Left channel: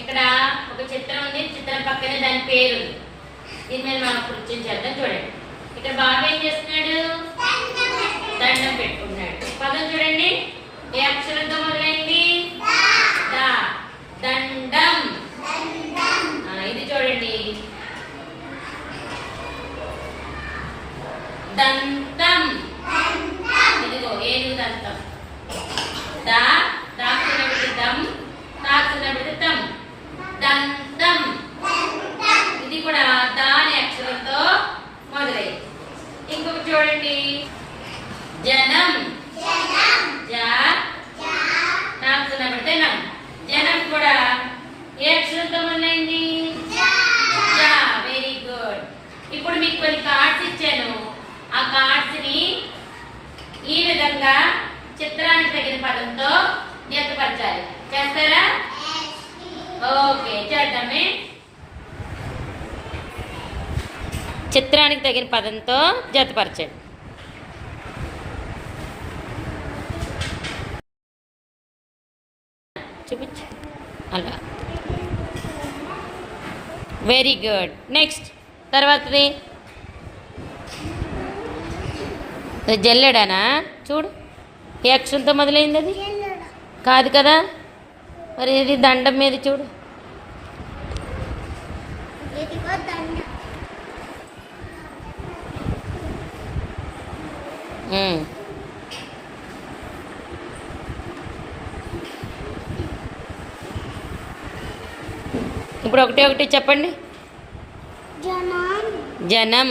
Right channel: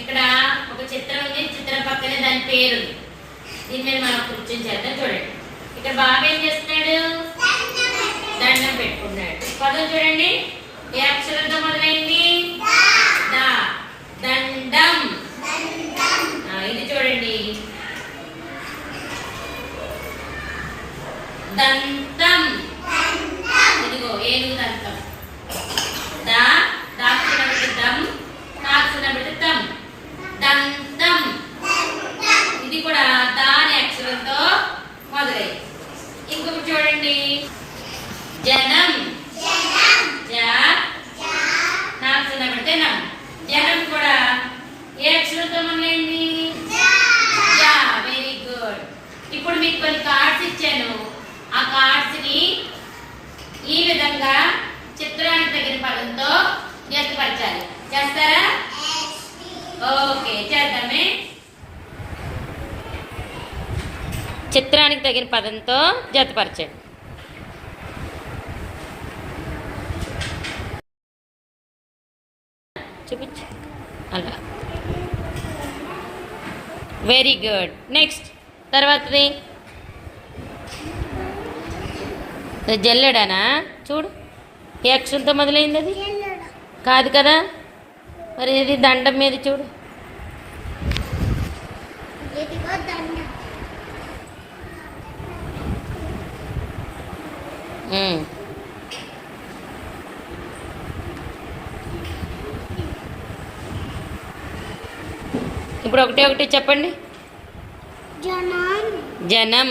ఇక్కడ ఒక చిత్రం ఉంది. చిత్రం పక్కనే దాని పేరు ఉంది. దీని మీద మనం కృత్యం చేద్దాం చూడండి. ఇక్కడ బాబు ఏం చేస్తున్నాడు? దండం పెట్టుకున్నాడు. పదం చూడండి. ఏ అక్షరంతో మొదలైంది? దా. దండం. ఇది చూడండి. దంతం. ఇదిగో ఏనుగు దంతం. ఇంకొకటి చూడండి. జనం. జా. దాక్షిణ పెడితే నం. జనం కూడా. ఏ అక్షరంతో మొదలైంది? వెరీ గుడ్ ఇప్పుడు మీకు కొన్ని కార్డ్స్ ఇచ్చాను. ఆ కార్డ్స్ని ఈ విధంగా చిత్రానికి తగిన పదంతో జతపరచాలి చేస్తారా? ఓకే చేద్దామే. చిత్రానికి తగిన పదంతో జతపరచండి. చూపించు. అలా. వెరీ గుడ్ నెక్స్ట్ తర్వాతది. జల్లెడనా జల్లెడానా? చూడు. ఏ మొదలైంది అది. కాదు కదా. మరి ఇది దండం మీద చూడు. ఇప్పుడు ఒకటి ఒకటి చెప్పండి. జనం.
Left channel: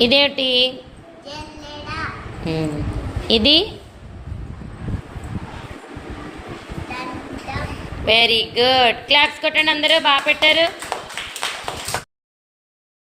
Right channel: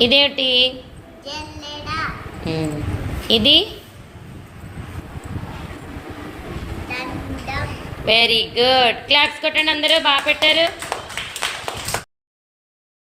ఇదేంటి. ఇది? వెరీ గుడ్ క్లాప్స్ కొట్టండి అందరూ. బాగా పెట్టారు.